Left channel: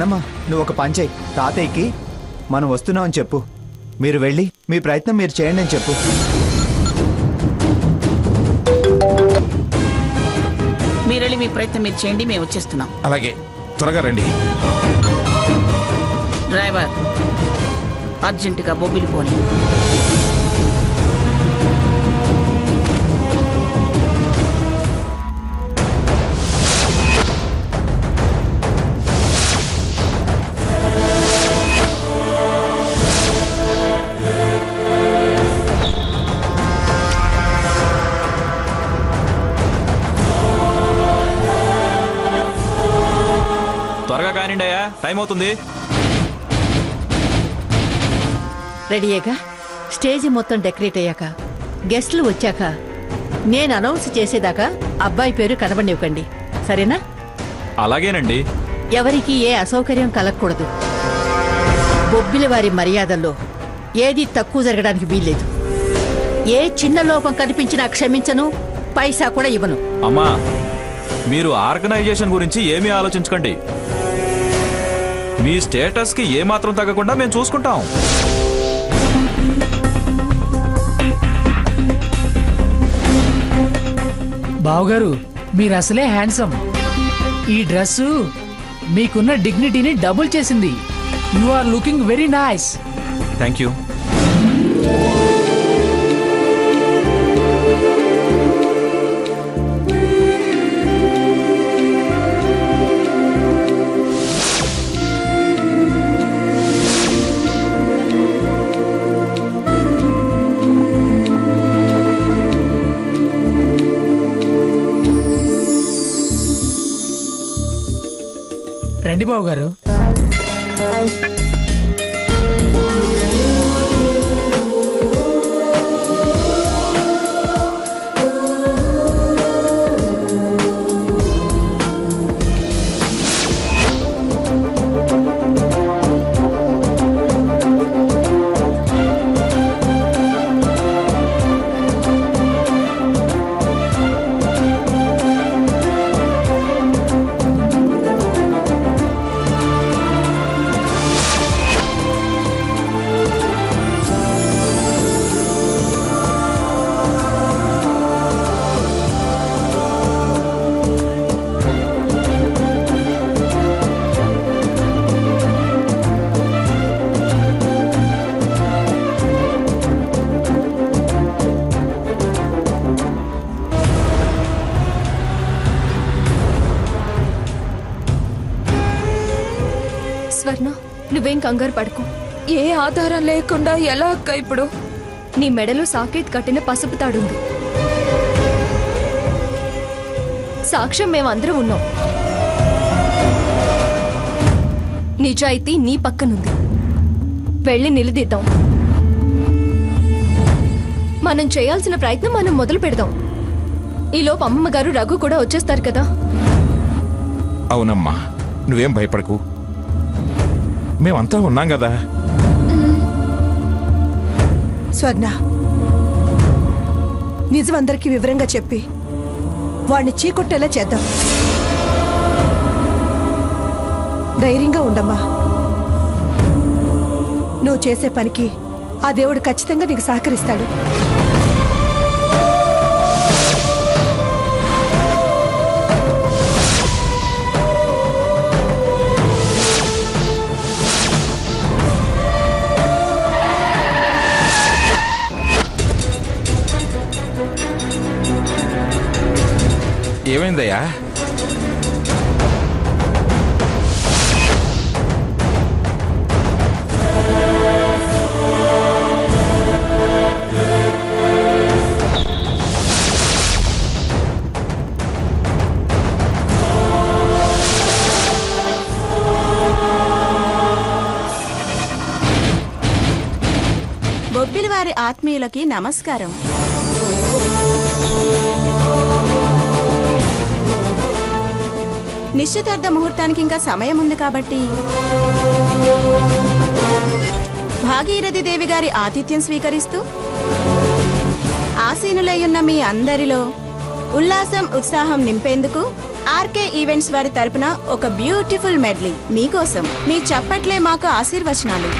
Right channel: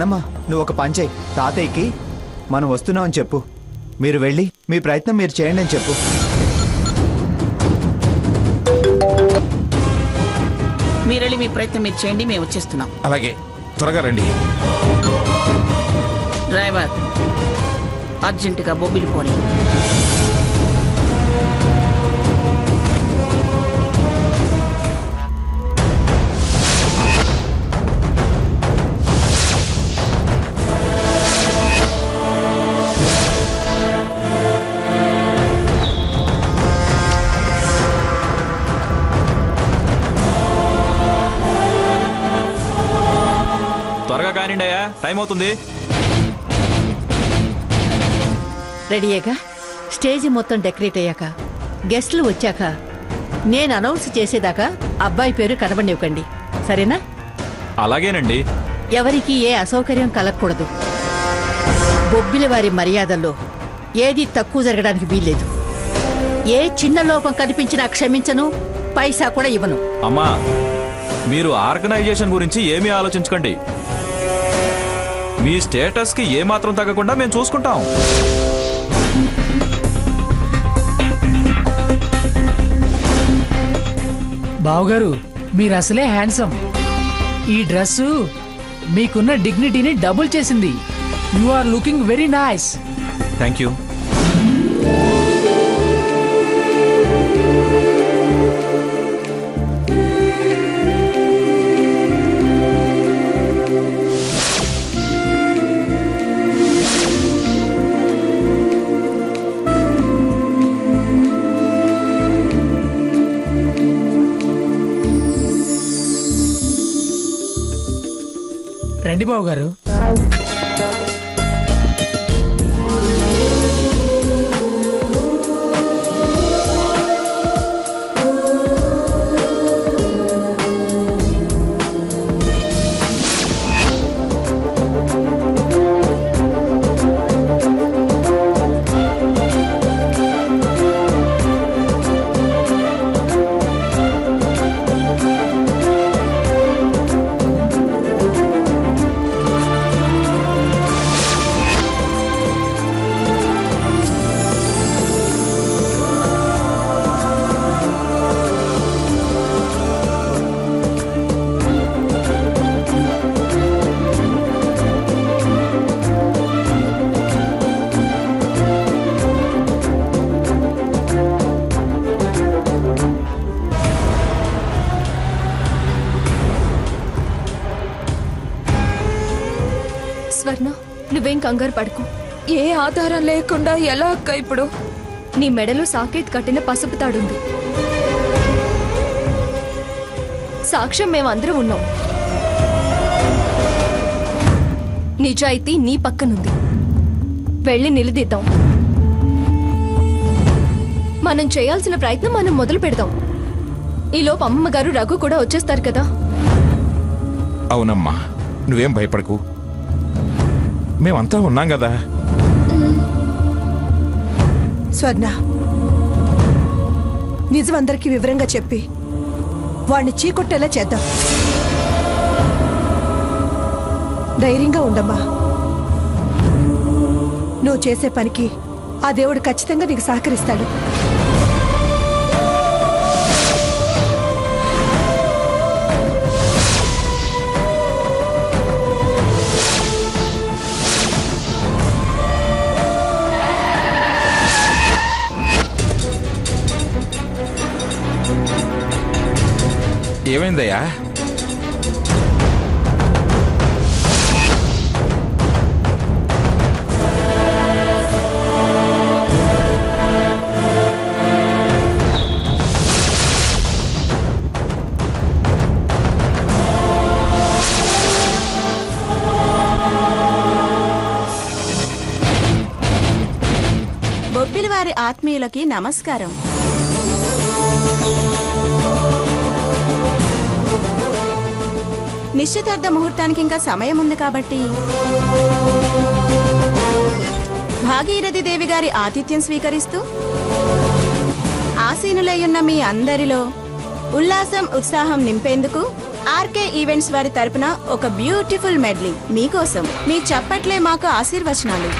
నానమ్మ నువ్వు ఒక పని చెయ్యి, తాతయ్యకి మనం వస్తున్నామని చెప్పు. మీరు వెళ్ళి మీ ప్రయత్నం మీరు చేయండి అని చెప్పు. మీరు వెళ్ళి మీ ప్రయత్నం మీరు చేయండి, మేము వచ్చేస్తున్నాం. అలాగే, త్వరగా రండి. డ్రైవర్ అర్జెంటుగా బొబ్బిలి పోనీ. త్వరగా కానిండి అయ్యా, టైం అవుతుంది. రెడీయేగా? స్టేజ్ మొత్తం డెకరేట్ అయ్యాక, గెస్టులు వచ్చాక నేను అనౌన్స్ చేసేదాకా అబ్బాయి పేరు కనబడివ్వకండి, సరేనా? అలాగేనండి. ఎవరికి ఏ అసౌకర్యం కలగకూడదు. బొబ్బిలి వారి మర్యాదల్లో ఏది తక్కువ జరగడానికి వీల్లేదు. ఏ చిన్న లోపం కనిపించినా క్షమించను, పైసా కూడా ఇవ్వను. అమ్మా, మీరు ఆర్గనైజేషన్ గురించి ఏమీ ఆలోచించకండి. మీ స్టేటస్ కి ఏమాత్రం తగ్గకుండా మేము చూసుకుంటాం. బావగారు, మీరు అసలే హ్యాండ్సమ్. ఈ డ్రెస్సు మీకున్న డిగ్నిటీని డబుల్ చేసింది. You are looking very nice. Thank you. రండి బావగారు. స్వర్ణ, నువ్వేం కంగారు పడుకో. ఏ ఆధారం లేకుండా ఎలా అక్క ఇప్పుడు? నీ మెడలో సాకేత్ కట్టిన పసుపు తాడుంది. సాక్ష్యం మేమందరం ఉన్నాం. నిజాయితీ నీ పక్కనుంది. వెళ్ళి నిలదీద్దాం. మనం చేయాల్సిన ప్రయత్నం మనం మొదలు పెడదాం. ఈలోపు అమ్మమ్మ గారు, రఘు కూడా వచ్చేస్తారు కదా. అవునమ్మా, నువ్వేం భయపడకు, మేమంతా ఉన్నాం కదా. స్వర్ణ, నిజం అందరికీ వివరంగా చెప్పి వాణ్ణి చీకొట్టేలా చేద్దాం. ధైర్యంగా ఉండమ్మా. నువ్వు చేసే పనికి ఆ దేవుడు ఖచ్చితంగా నీకు సహకరిస్తాడు. ఏమైందయ్యా? బొబ్బిలి వారి ఆత్మీయులకి నమస్కారం. నిశ్చితార్థ ముహూర్తానికి ఇంకా సమయం ఉంది కాబట్టి భాగీరథి దేవి గారి ఆతిథ్యం స్వీకరిస్తూ ఆసీనులయ్యున్న మీ అందరిలో ఉల్లాసం ఉత్సాహం నింపేందుకు ఆర్కే ఈవెంట్స్ వారి తరపున ఒక బ్యూటిఫుల్ మెడ్లీ మీకోసం. మీ చప్పట్లే మాకు ఆశీర్వచనాలు.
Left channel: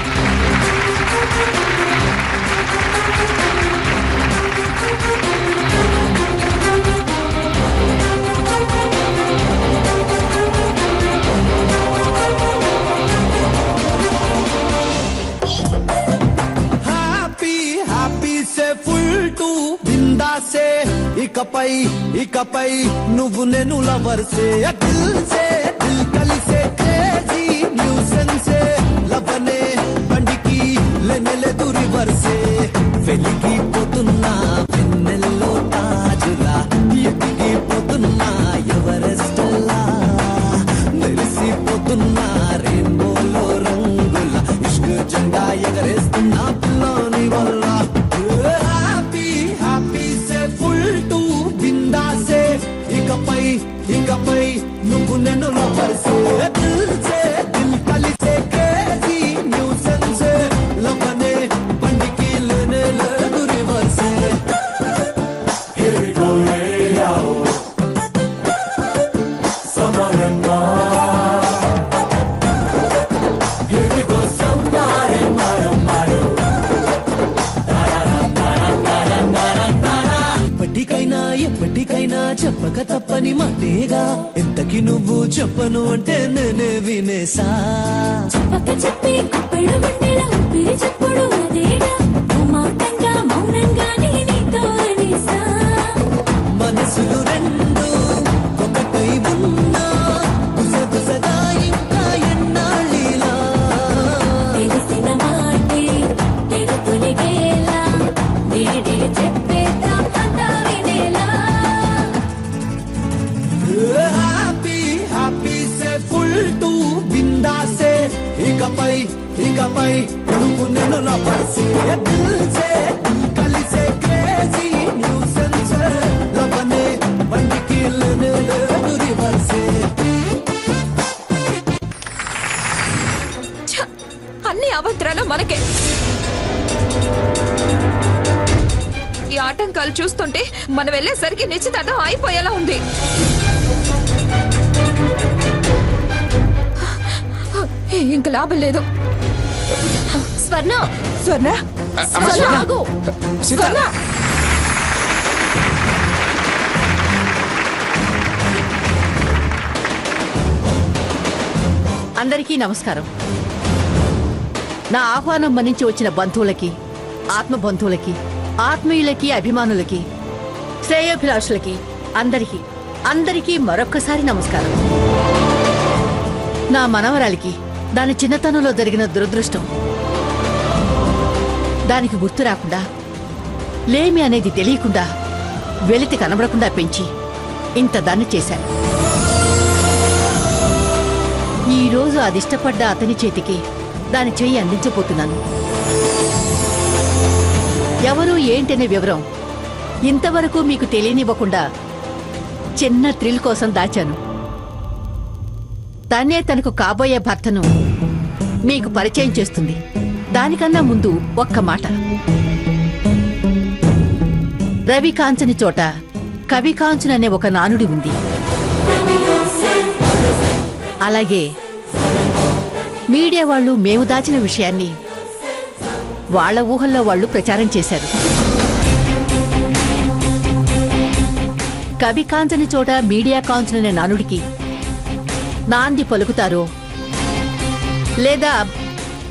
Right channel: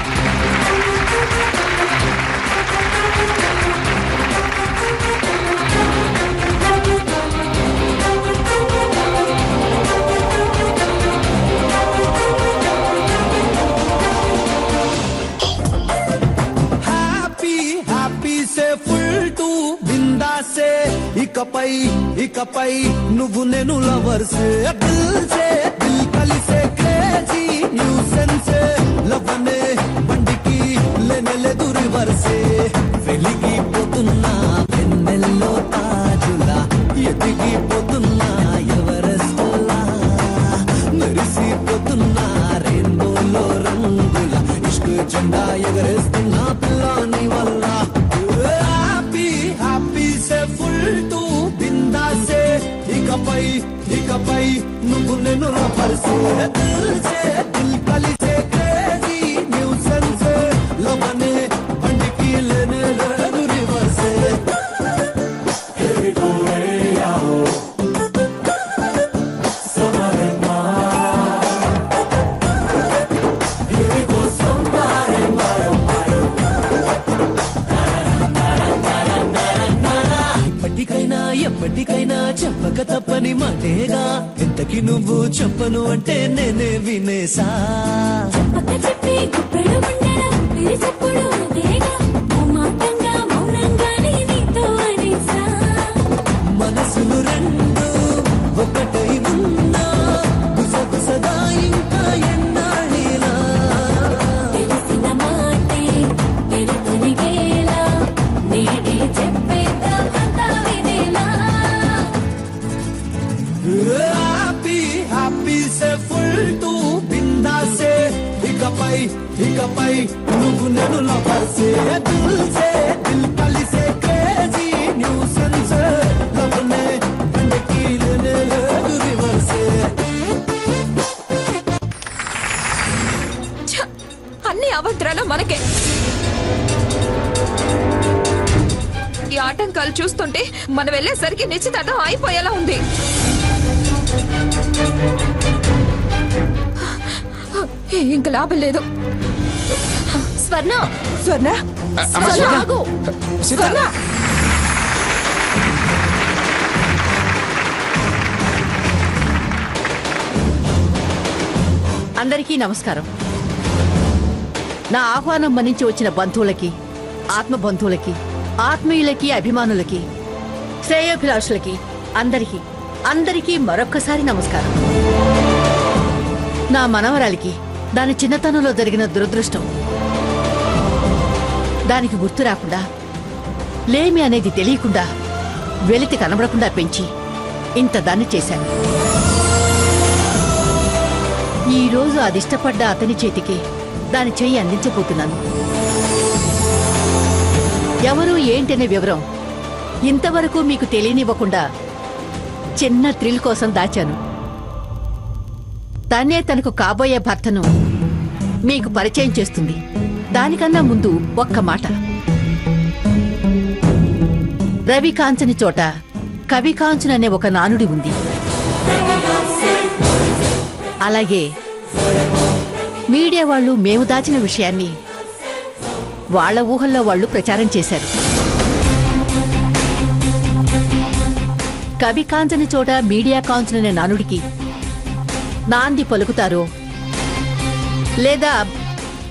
ఇకపై నువ్వు నేను లవర్సే దిల్సే దిల్ కలిసే క్రేజీ న్యూసెన్సే లవనే బండికి లెవెలెదు రివర్సే వెలిగిపోతున్నా వెన్నెల్లో తాజులా ఎదిగిపోతున్నా ఎవరెస్టల్లా మెరిసిపోతున్నా రెయిన్బోలో రంగుల ఇష్క్ జెండా ఎగరేస్తున్నా పిల్లని వల్ల హ్యాపీ సే ఫుల్ టు ఇకపై నువ్వు నన్ను లవర్సే దిల్సే దిల్ కలిసే క్రేజీ న్యూసెన్సే లవనే బండికి లేనే లేదు రివర్సే Here we go, summer and Here we go, summer and ఎప్పటికైనా చెప్పక తప్పని మాటేగా. ఎంతకి నువ్వు చెప్పను అంటే నేనే వినేసా. మనసులు రెండు ఒకటై ఉన్నా గుసగుసగా ఇంకా ఎన్నాళ్ళిలా ఇకపై నువ్వు నేను లవర్సే దిల్సే దిల్ కలిసే క్రేజీ న్యూసెన్సే లవనే బండికి లేనే లేదు రివర్సే. అన్ని అభద్రాలు మనకే. ఈ ఆటంకాలు చూస్తుంటే మనం వెళ్ళేసరికి నిశ్చితార్థం అయిపోయేలా ఉంది. ఇంక లాభం లేదు. స్వర్ణ స్వర్ణ ఆగు. సీత అందరికీ నమస్కారం. నా ఆహ్వానం మన్నించి వచ్చిన బంధువులకి, ఆత్మ బంధువులకి, ఆత్మీయులకి, అభిమానులకి, శ్రేయోభిలాషులకి అందరికీ మరొక్కసారి నమస్కారం. నా మనవరాలికి దాని చిన్నతనంలో జరిగిన దురదృష్టం, దానికి గుర్తు రాకుండా, లేమి అనేది తెలియకుండా, వెలితి కనబడకుండా పెంచి ఇంత దాన్ని చేశాను. ఈరోజు అదిష్టపడ్డ అతని చేతికి దాని చెయ్యి అందించబోతున్నాను. ఎవరు ఏంటనే వివరం ఇంతవరకు మీకు తెలియనివ్వకుండా చిన్న థ్రిల్ కోసం దాచాను. తనే తనకు కాబోయే భర్తను మీకు పరిచయం చేస్తుంది. దానికన్నా ముందు ఒక్క మాట. రవి కాంచని చోట కవి కాంచననే ఒక నానుడి ఉంది. అలాగే మీడియా వాళ్ళు మేము దాచిన విషయాన్ని వాళ్ళ ఊహల్లో వాళ్ళు ప్రచారం చేశారు. కవి కాంచని చోట మీడియా కాంచననే నానుడికి నాంది పలుకుతారో లేదా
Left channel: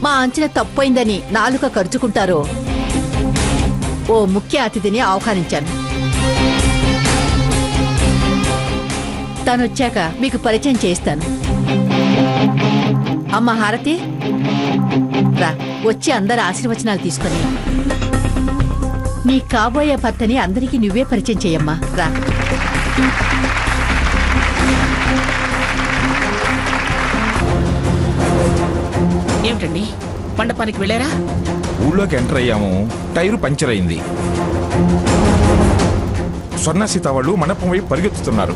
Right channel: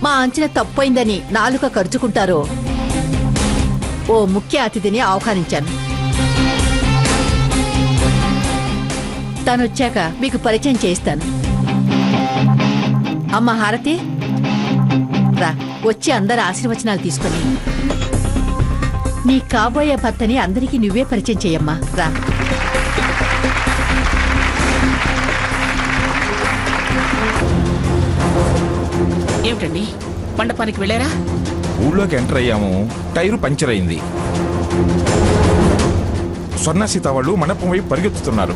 మా అంచనా తప్పైందని నాలుక ఖర్చుకుంటారో ఓ ముఖ్య అతిథిని ఆహ్వానించాను. తనొచ్చాక మీకు పరిచయం చేస్తాను. అమ్మ హారతి, రా, వచ్చి అందరి ఆశీర్వచనాలు తీసుకొని నీ కాబోయే భర్తని అందరికీ నువ్వే పరిచయం చేయమ్మా. రా. ఏమిటండి, మండపానికి వెళ్ళారా? ఊళ్ళోకి ఎంటర్ అయ్యాము, టైరు పంచర్ అయింది. స్వర్ణ సీత వాళ్ళు మండపం వైపు పరిగెత్తుతున్నారు.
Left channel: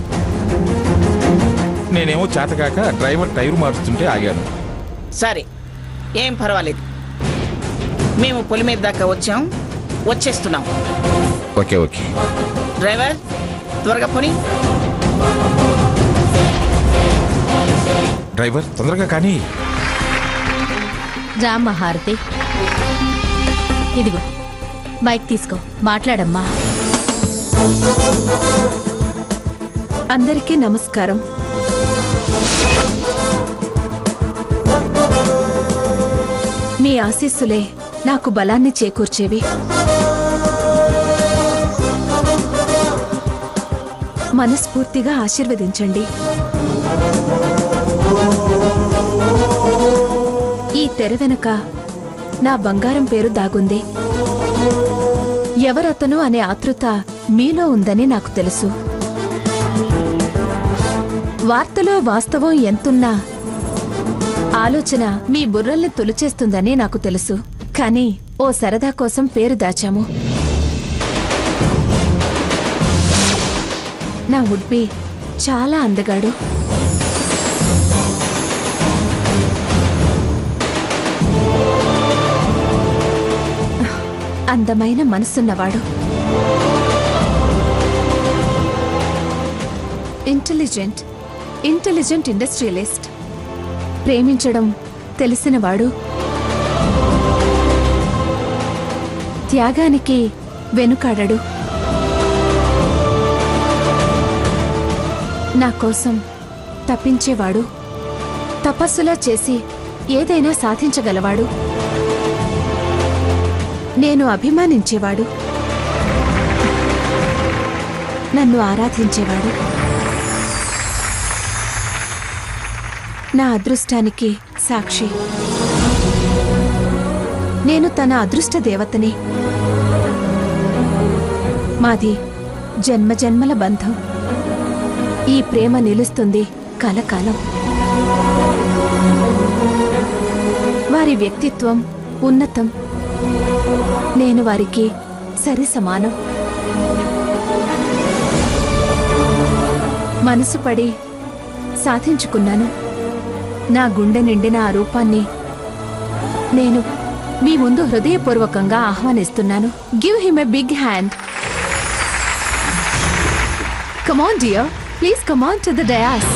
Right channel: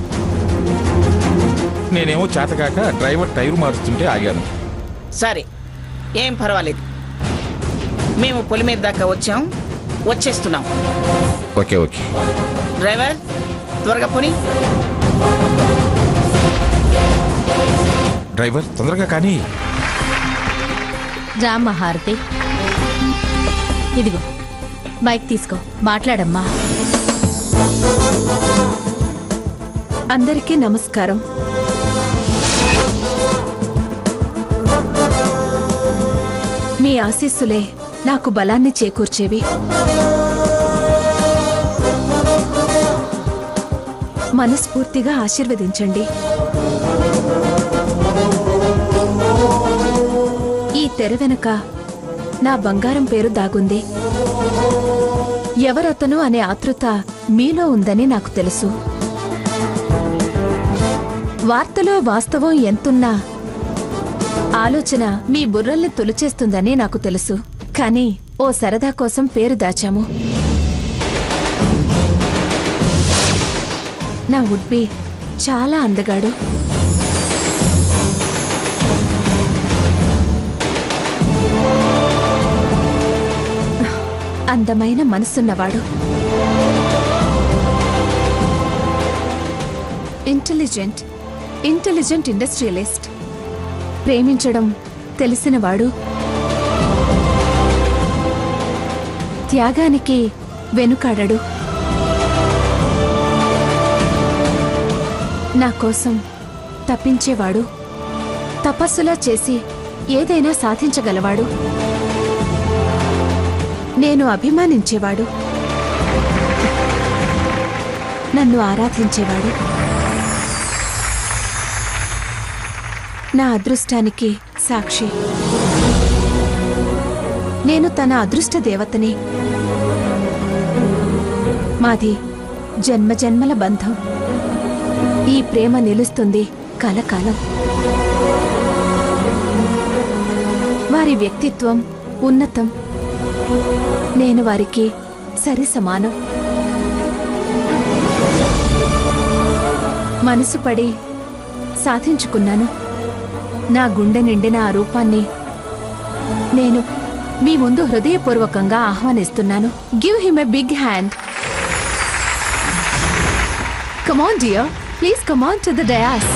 నేనేమో చేతకాక డ్రైవర్ టైరు మారుస్తుంటే ఆగాను. సరే, ఏం పర్వాలేదు. మేము పొలి మీద దాకా వచ్చేస్తున్నాం. ఓకే ఓకే డ్రైవర్, త్వరగా పోనీ. డ్రైవర్ తొందరగా కానీ. రామ్మా హారతి, ఇదిగో మైక్ తీసుకో, మాట్లాడమ్మా. అందరికీ నమస్కారం. మీ ఆశీస్సులే నాకు బలాన్ని చేకూర్చేవి. మనస్ఫూర్తిగా ఆశీర్వదించండి. ఈ తెర వెనుక నా బంగారం పేరు దాగుంది. ఎవరతను అనే ఆతృత మీలో ఉందని నాకు తెలుసు. వార్తలో వాస్తవం ఎంతున్నా ఆలోచన మీ బుర్రల్ని తొలిచేస్తుందని నాకు తెలుసు. కానీ ఓ సరదా కోసం పేరు దాచాము. నా వుడ్బి చాలా అందగాడు. అందమైన మనసున్నవాడు. Intelligent industrialist. ప్రేమించడం తెలిసినవాడు. త్యాగానికి వెనుకాడడు. నా కోసం తప్పించేవాడు. తపస్సులా చేసి ఏదైనా సాధించగలవాడు. నేను అభిమానించేవాడు. నన్ను ఆరాధించేవాడు. నా అదృష్టానికి సాక్షి. నేను తన అదృష్ట దేవతని. మాది జన్మజన్మల బంధం. ఈ ప్రేమ నిలుస్తుంది కలకాలం. వారి వ్యక్తిత్వం ఉన్నతం. నేను వారికి సరి సమానం. మనసు పడి సాధించుకున్నాను. నా గుండె నిండిన ఆ రూపాన్ని నేను మీ ముందు హృదయపూర్వకంగా ఆహ్వానిస్తున్నాను. Give him a big hand. Come on dear, please come on to the dais.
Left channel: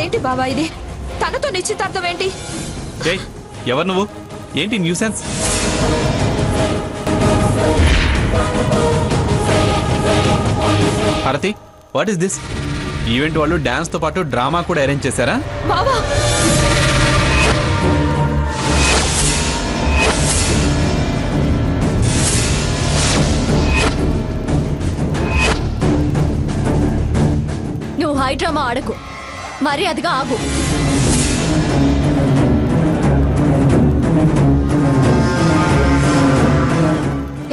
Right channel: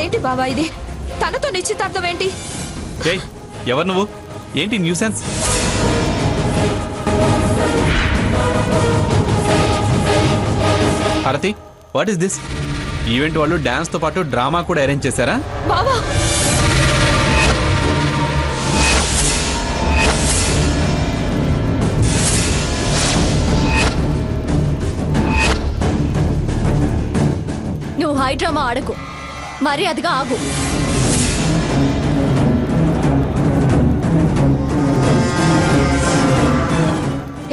ఏంటి బాబా ఇది? తనతో నిశ్చితార్థం ఏంటి? ఎవరు నువ్వు? ఏంటి న్యూసెన్స్? హారతి, వాట్ ఇస్ దిస్? ఈవెంట్ వాళ్ళు డాన్స్ తో పాటు డ్రామా కూడా అరేంజ్ చేశారా? బాబా నువ్వు హై డ్రామా ఆడకు, మర్యాదగా ఆగు.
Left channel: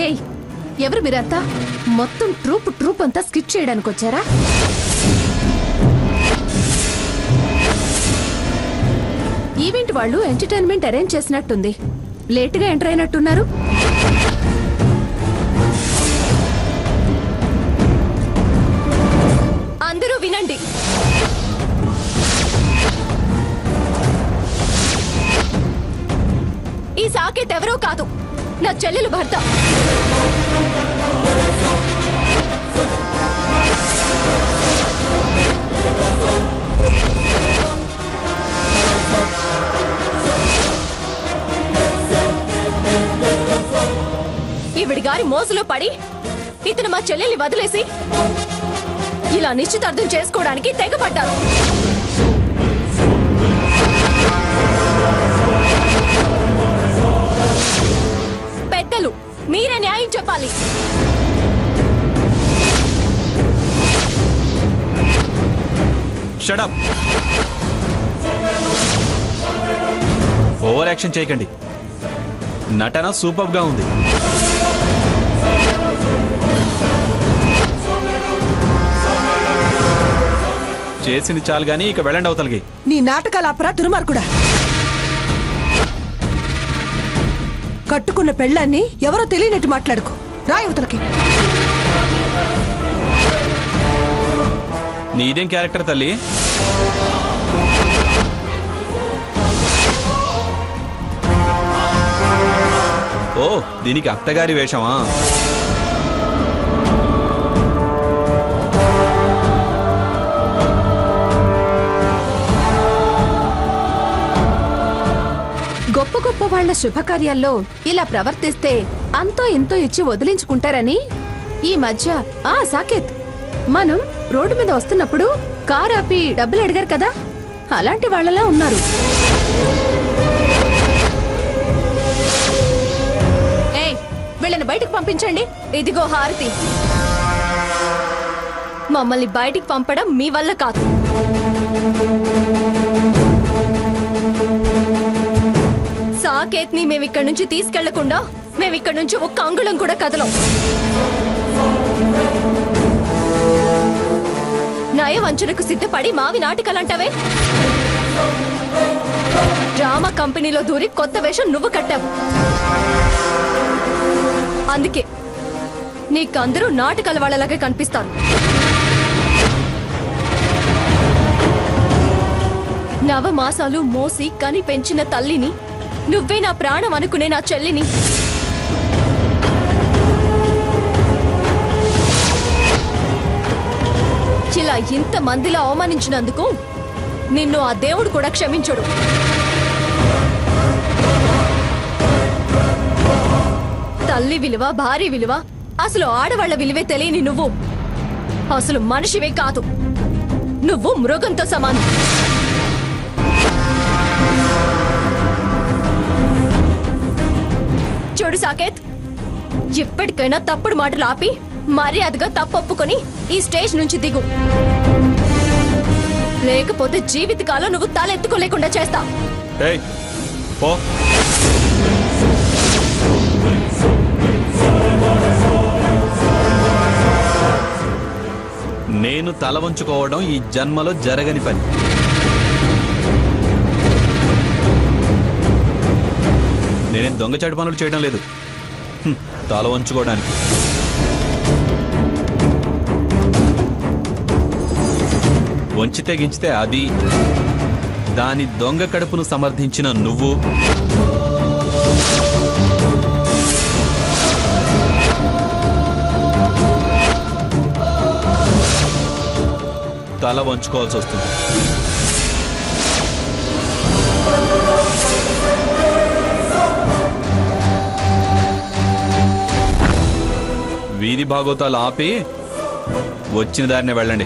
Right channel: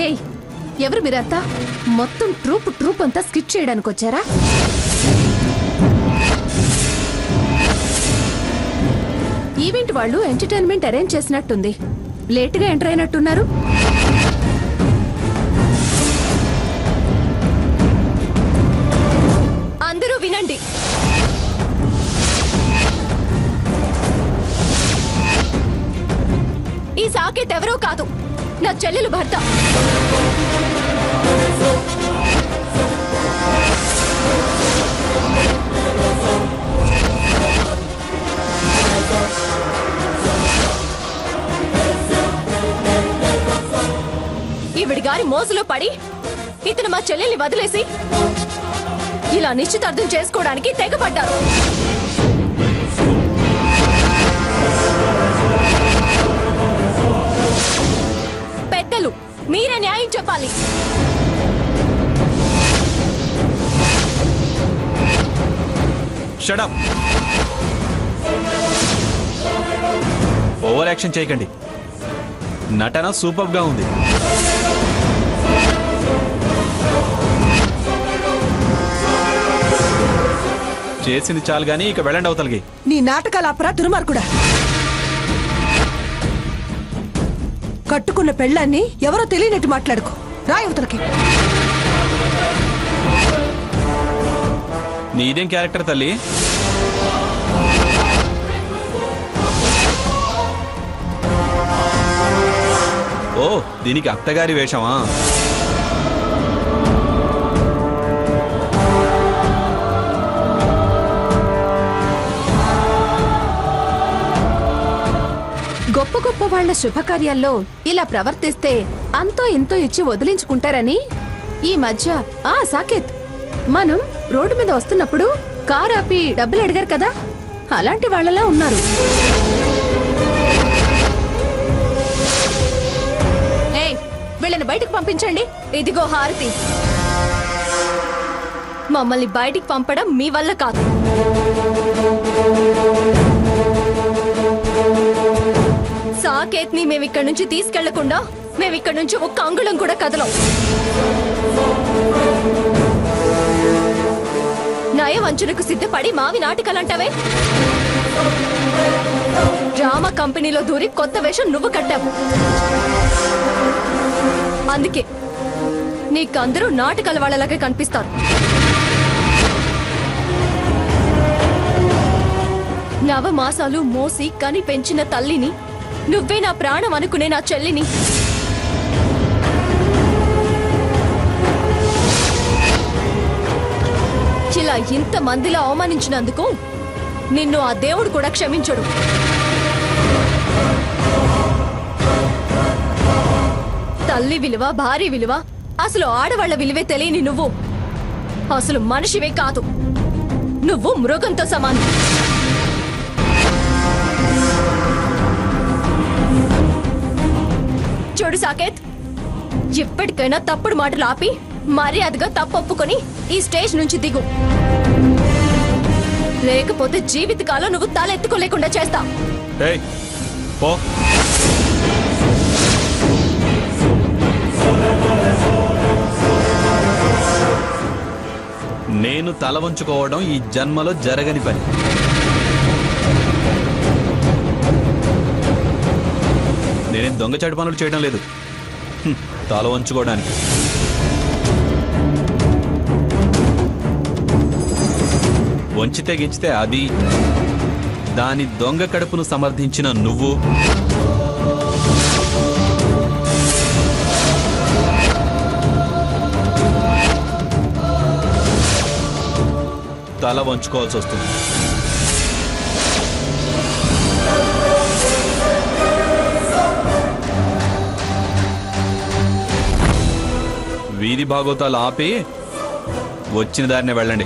ఏయ్, ఎవరు మీరంతా? మొత్తం ట్రూప్ అంతా స్కిట్ చేయడానికి వచ్చారా? ఈవెంట్ వాళ్ళు ఎంటర్టైన్మెంట్ అరేంజ్ చేసినట్టుంది. లేటుగా ఎంటర్ అయినట్టున్నారు. అందరూ వినండి. ఈ సాకేత్ ఎవరో కాదు, నా చెల్లెలు భర్త. ఈవిడి గారి మోసలో పడి ఇతను మా చెల్లెల్ని వదిలేసి ఇలా నిశ్చితార్థం చేసుకోవడానికి తెగపడ్డారు. పెద్దలు మీరే న్యాయం చెప్పాలి. Shut up. ఓవర్ యాక్షన్ చేయకండి. నటన సూపర్ గా ఉంది. చేసింది చాలు గానీ ఇక వెళ్ళండి అవతలకి. నీ నాటకాల అపరా దుర్మార్గుడా. కట్టుకున్న పెళ్ళాన్ని ఎవరో తెలియనట్టు మాట్లాడుకో. రా అవతలకి. నీదేం క్యారెక్టర్ తల్లి? ఓ, దీనికి అత్తగారి వేషమా? గొప్ప గొప్ప వాళ్ల శుభకార్యాల్లో ఇలా ప్రవర్తిస్తే అంతో ఇంతో ఇచ్చి వదిలించుకుంటారని ఈ మధ్య సాకేత్, మనం రోడ్డు మీద వస్తున్నప్పుడు కార్ ఆపి డబ్బులు అడిగారు కదా, అలాంటి వాళ్ళలా ఉన్నారు. వీళ్ళని బయటకు పంపించండి. ఇదిగో హారతి, మమ్మల్ని బయటికి పంపడం మీ వల్ల కాదు. సాకేత్ ని మేమిక్కడి నుంచి తీసుకెళ్లకుండా మేమిక్కడి నుంచి ఒక్క అంగుళం కూడా కదలం. నయవంచనకు సిద్ధపడి మావి నాటకాలంటావే? డ్రామా కంపెనీలో దూరి కొత్త వేషం నువ్వు కట్టావు. అందుకే నీకందరూ నాటకాల వాళ్ళలాగే కనిపిస్తారు. నవమాసాలు మోసి కని పెంచిన తల్లిని, నువ్వే నా ప్రాణం అనుకునే నా చెల్లిని ఇలా ఇంత మందిలో అవమానించినందుకు నిన్ను ఆ దేవుడు కూడా క్షమించడు. తల్లి విలువ, భార్య విలువ, అసలు ఆడవాళ్ల విలువే తెలియని నువ్వు అసలు మనిషివే కాదు. నువ్వు మృగంతో సమానం. చూడు సాకేత్, ఎప్పటికైనా తప్పుడు మాటలు ఆపి మర్యాదగా తప్పొప్పుకొని ఈ స్టేజ్ నుంచి దిగు. లేకపోతే జీవితకాలం నువ్వు తలెత్తుకోలేకుండా చేస్తా. నేను తల వంచుకోవడం ఈ జన్మలో జరగని పని. నేనేం దొంగచాటు పనులు చేయడం లేదు తల వంచుకోవడానికి. వంచితే గించితే అది, దాని దొంగ కడుపును సమర్థించిన నువ్వు, తల వంచుకోవాల్సి వస్తుంది. వీధి భాగోతాలు ఆపి వచ్చిన దారినే వెళ్ళండి.